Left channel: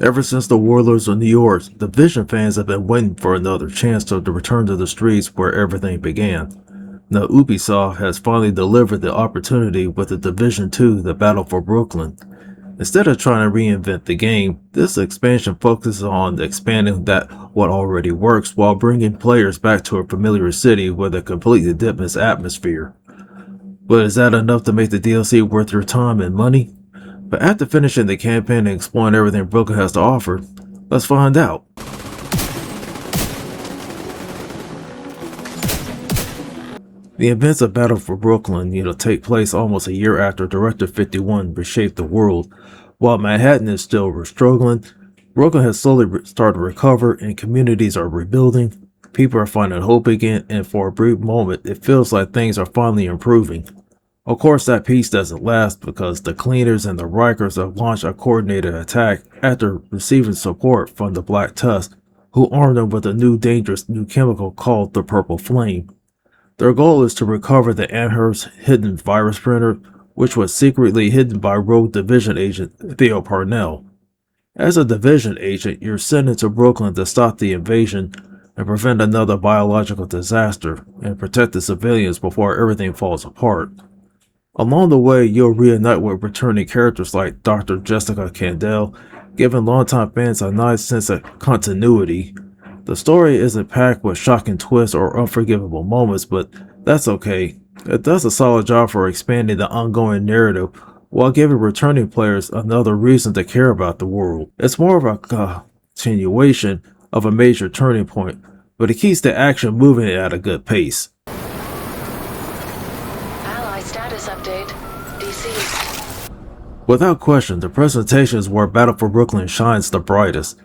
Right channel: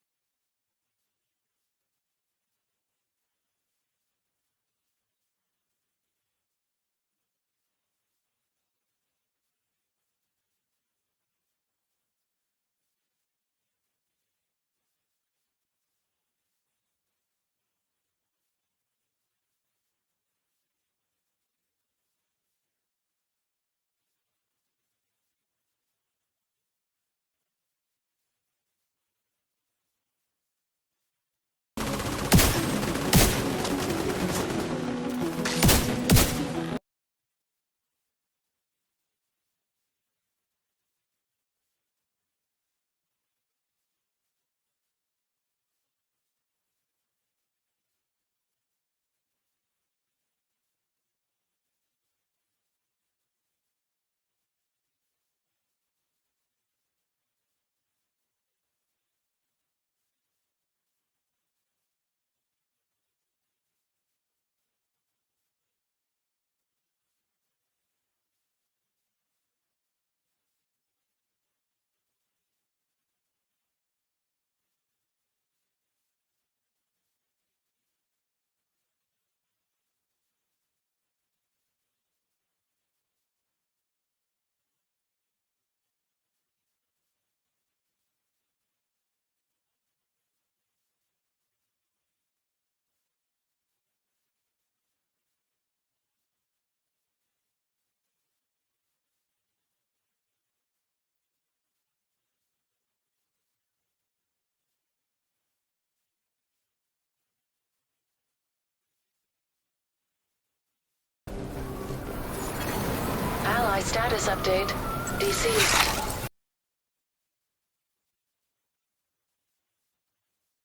Ever since the Warlords of New York, Division fans have been waiting for another chance to return to the streets where everything began. Now Ubisoft has finally delivered the opportunity with the Division 2, The Battle for Brooklyn. Instead of trying to reinvent the game, this expansion focuses on expanding that what already works while bringing players back to a familiar city with a completely different atmosphere. But is that enough to make the DLC worth your time and money? But after finishing the campaign and exploring everything Brooklyn has to offer, let's find out. The events of Battle for Brooklyn, take place almost a year after Directive 51 reshaped the world. While Manhattan is still struggling, Brooklyn has slowly started to recover and communities are rebuilding. People are finding hope again, and for a brief moment, it feels like things are finally improving. Of course, that peace doesn't last because the Cleaners and the Rikers have launched a coordinated attack after receiving support from the Black Tusk, who armed them with a dangerous new chemical called the Purple Flame. Their goal is to recover the Amherst hidden virus printer, which was secretly hidden by rogue Division agent Theo Parnell. As a Division agent, you're sent into Brooklyn to stop the invasion and prevent another biological disaster and protect the civilians before everything falls apart. Along the way, you'll reunite with returning characters like Dr. Jessica Candle, giving longtime fans a nice sense of continuity. The story isn't packed with shocking twists or unforgivable moments, but that's okay. It does a solid job for expanding the ongoing narrative while giving returning players another reason to care about the world. It's more of a continuation of a major turning point, but it keeps the action moving at a good pace. Ally status update. Deceased. Without question, the presentation is where Battle for Brooklyn shines the brightest.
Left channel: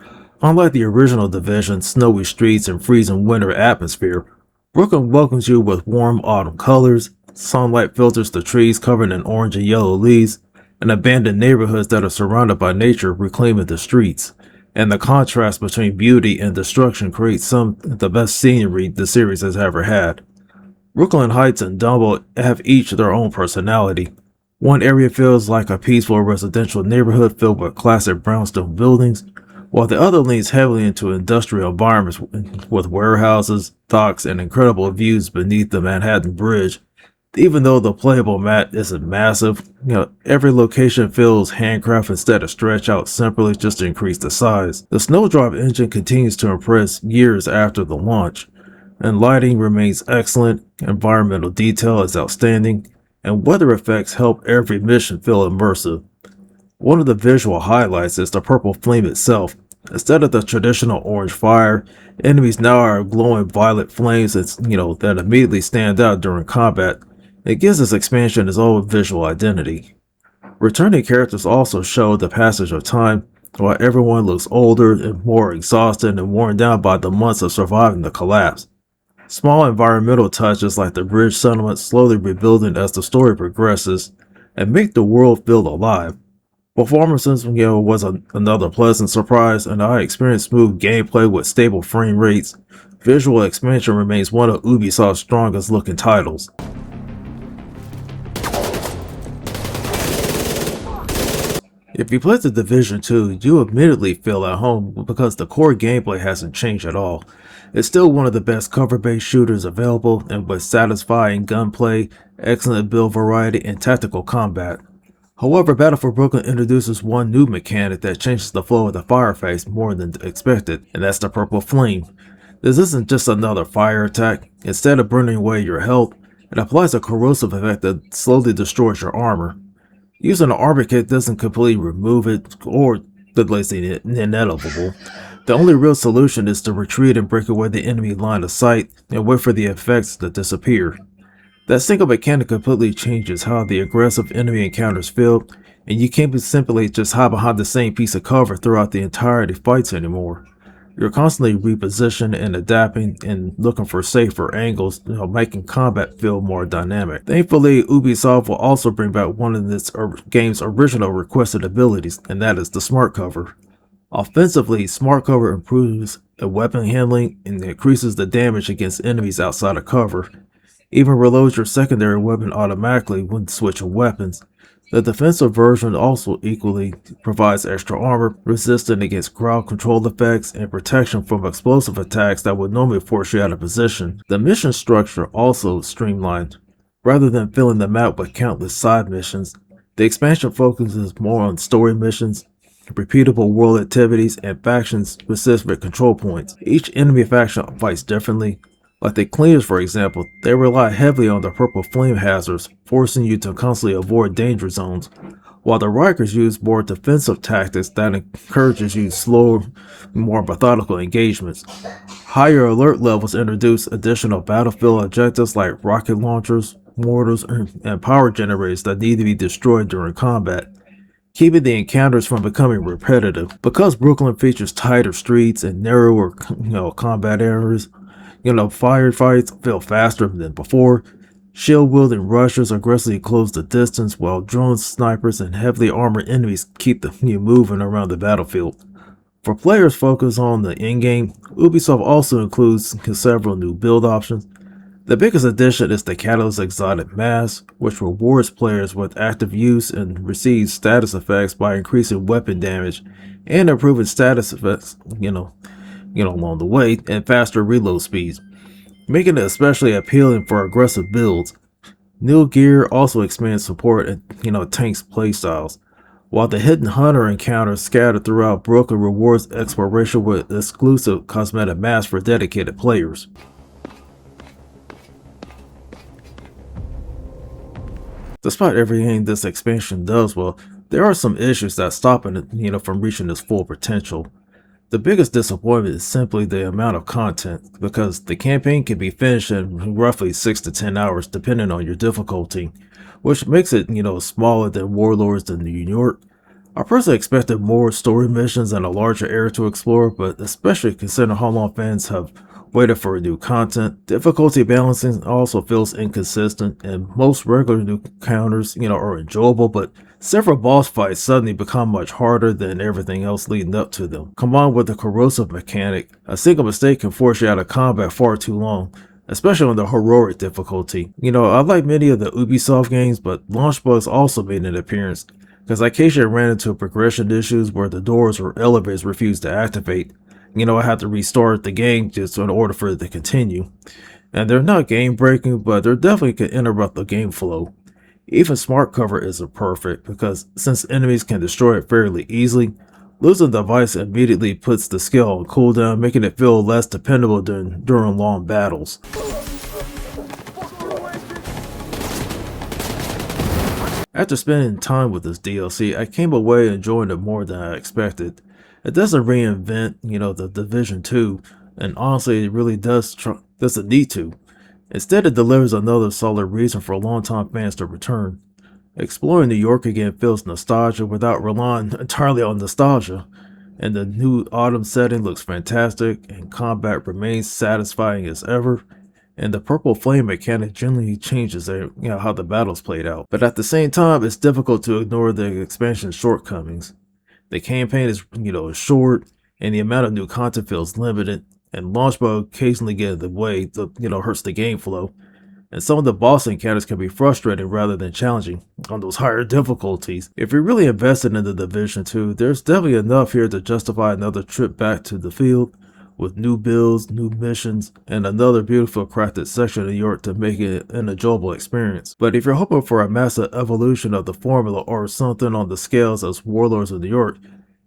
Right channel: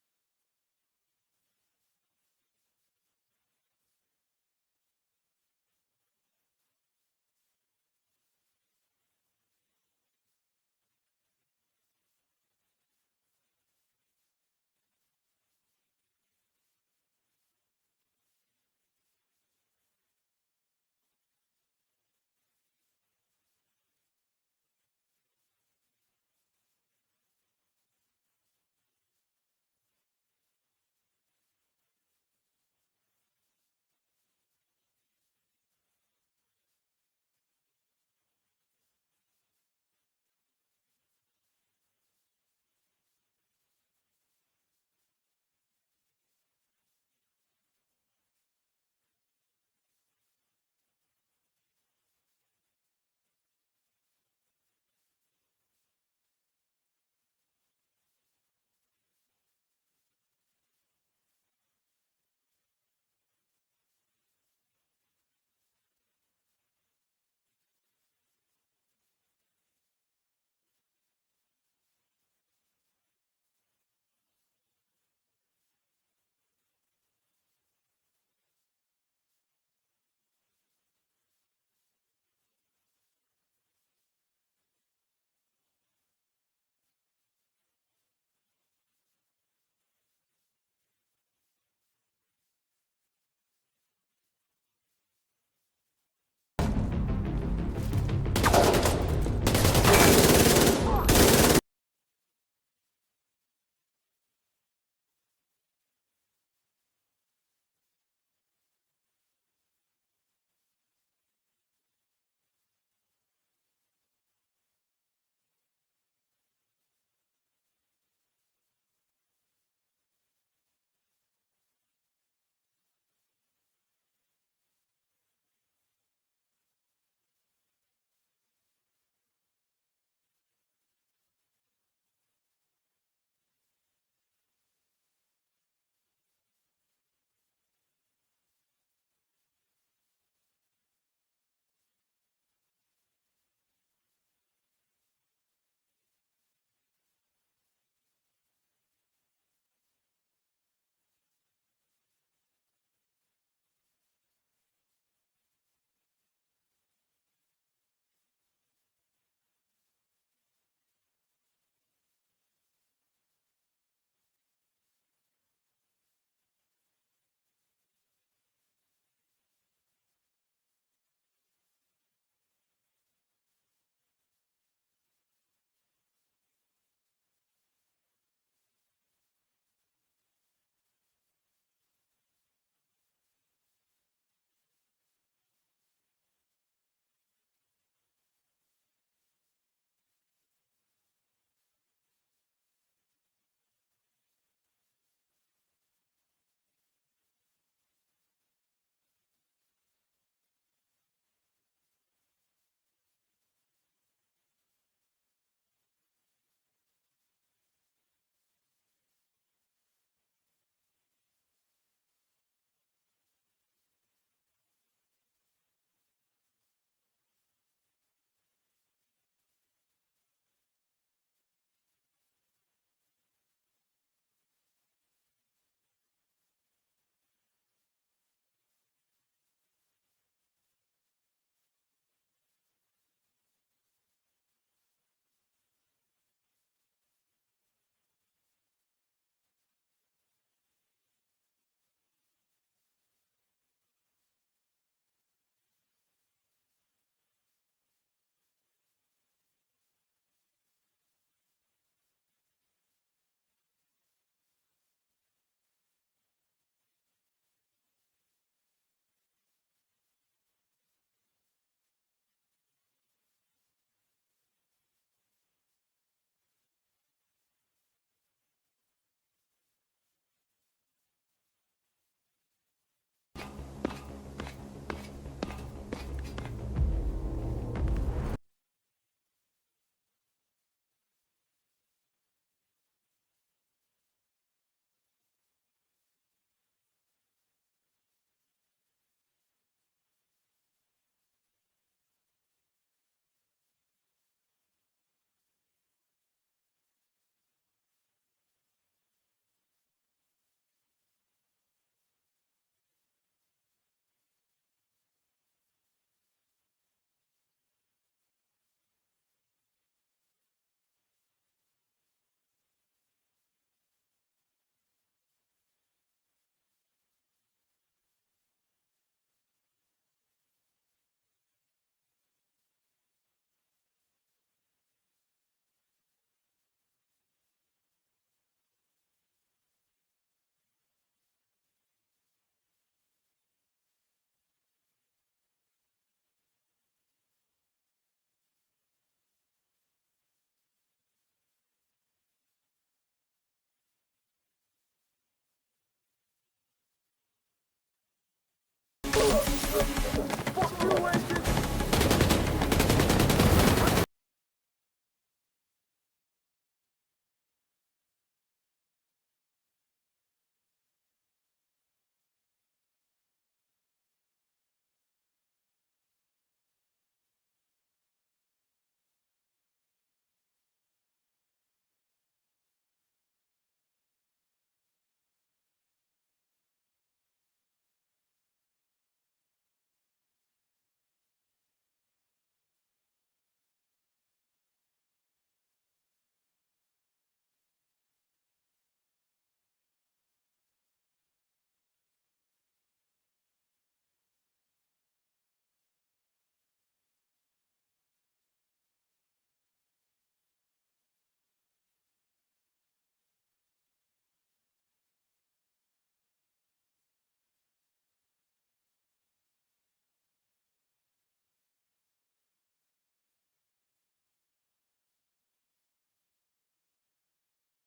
Unlike the original Division's snowy streets and freezing winter atmosphere, Brooklyn welcomes you with warm autumn colors, sunlight filters the trees covered in orange and yellow leaves, and abandoned neighborhoods that are surrounded by nature reclaiming the streets. And the contrast between beauty and destruction creates some of the best scenery the series has ever had. Brooklyn Heights and Dumbo have each their own personality. One area feels like a peaceful residential neighborhood filled with classic brownstone buildings, while the other leans heavily into industrial environments with warehouses, docks, and incredible views beneath the Manhattan Bridge. Even though the playable map isn't massive, every location feels handcrafted instead of stretched out simply just to increase the size. The Snowdrop engine continues to impress years after the launch, and lighting remains excellent, environmental detail is outstanding, and weather effects help every mission feel immersive. One of the visual highlights is the purple flame itself. Instead of the traditional orange fire, enemies now are glowing violet flames that immediately stand out during combat. It gives this expansion its own visual identity. Returning characters also show the passage of time, while everyone looks older and more exhausted and worn down by the months of surviving the collapse. Small environmental touches like the bridge settlement slowly rebuilding as the story progresses and make the world feel alive. Performances, was another pleasant surprise, and I experienced smooth gameplay with stable frame rates. Visual expansion remains one of Ubisoft's strongest looking titles. If you play the Division 2, you immediately feel at home because the core gameplay hasn't changed at all. It's still one of the best cover-based shooters available, and with satisfying gunplay, excellent build variety, and tactical combat. However, Battle for Brooklyn introduces one new mechanic that changes the flow of the fire phase more than expected, and that's the Purple Flame. This isn't just another fire attack. Instead of burning away your health, it applies a corrosive effect that slowly destroys your armor. Using an armor kit doesn't completely remove it or delays the inevitable. The only real solution is to retreat and break away the enemy line of sight and wait for the effects to disappear. That single mechanic completely changes how the aggressive enemy encounters feel, and you can't simply just hide behind the same piece of cover throughout the entirety of fights anymore. You're constantly repositioning and adapting and looking for safer angles, making combat feel more dynamic. Thankfully, Ubisoft will also bring back one of this game's original requested abilities, and that is the Smart Cover. Offensively, Smart Cover improves the weapon handling and increases the damage against enemies outside of cover. Even reloads your secondary weapon automatically when switching weapons. The defensive version also equally provides extra armor, resistant against ground control effects, and protection from explosive attacks that would normally force you out of position. The mission structure also streamlined. Rather than filling the map with countless side missions, the expansion focuses more on story missions, repeatable world activities, and faction-specific control points. Each enemy faction fights differently. Like the Cleaners, for example, they rely heavily on the purple flame hazards, forcing you to constantly avoid danger zones, while the Rikers use more defensive tactics that encourages you slower, more methodical engagements. Higher alert levels introduce additional battlefield objectives like rocket launchers, mortars, and power generators that need to be destroyed during combat, keeping the encounters from becoming repetitive. Because Brooklyn features tighter streets and narrower, combat areas, firefights feel faster than before. Shield-wielding rushers aggressively close the distance, while drones, snipers, and heavily armored enemies keep you moving around the battlefield. For players focused on the in-game, Ubisoft also includes several new build options. The biggest addition is the Catalyst Exotic Mask, which rewards players with active use and receives status effects by increasing weapon damage and improving status effects, along the way, and faster reload speeds, making it especially appealing for aggressive builds. New gear also expands support and tanks playstyles, while the Hidden Hunter encounters scattered throughout Brooklyn rewards exploration with exclusive cosmetic masks for dedicated players. Despite everything this expansion does well, there are some issues that stop it, from reaching its full potential. The biggest disappointment is simply the amount of content, because the campaign can be finished in roughly 6 to 10 hours depending on your difficulty, which makes it, smaller than Warlords in New York. I personally expected more story missions and a larger area to explore, but especially considering how long fans have waited for new content, difficulty balancing also feels inconsistent, and most regular new encounters, are enjoyable, but several boss fights suddenly become much harder than everything else leading up to them. Combined with the corrosive mechanic, a single mistake can force you out of combat far too long, especially on the heroic difficulty. I like many of the Ubisoft games, but launch bugs also made an appearance, because I occasionally ran into progression issues where the doors or elevators refused to activate. I had to restart the game just in order for it to continue. And they're not game breaking, but they definitely can interrupt the game flow. Even smart cover isn't perfect, because since enemies can destroy it fairly easily, losing the device immediately puts the skill on cooldown, making it feel less dependable during long battles. After spending time with this DLC, I came away enjoying it more than I expected. It doesn't reinvent, the Division 2, and honestly, it really doesn't need to. Instead, it delivers another solid reason for longtime fans to return. Exploring New York again feels nostalgia without relying entirely on nostalgia, and the new autumn setting looks fantastic, and combat remains satisfying as ever. And the purple flame mechanic generally changes how the battles played out. But at the same time, it's difficult to ignore the expansion's shortcomings. The campaign is, short, and the amount of new content feels limited, and launch mode occasionally get in the way that, hurts the game flow. And some of the boss encounters can be frustrating rather than challenging on those higher difficulties. If you're really invested in the Division 2, there's definitely enough here to justify another trip back to the field, with new builds, new missions, and another beautiful crafted section of New York to make it an enjoyable experience. But if you're hoping for a massive evolution of the formula or something on the scales as Warlords of New York,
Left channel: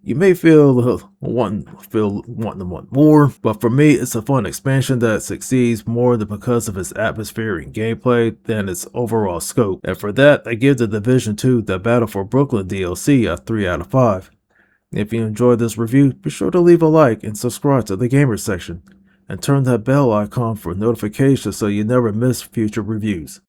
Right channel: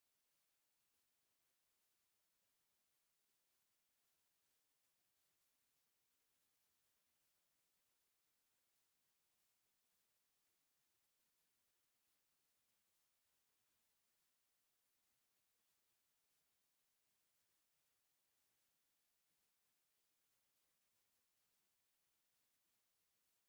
you may feel wanting to want more, but for me, it's a fun expansion that succeeds more than because of its atmosphere and gameplay than its overall scope. And for that, I give the Division 2 The Battle for Brooklyn DLC a 3 out of 5. If you enjoyed this review, be sure to leave a like and subscribe to the Gamer section, and turn that bell icon for notifications so you never miss future reviews.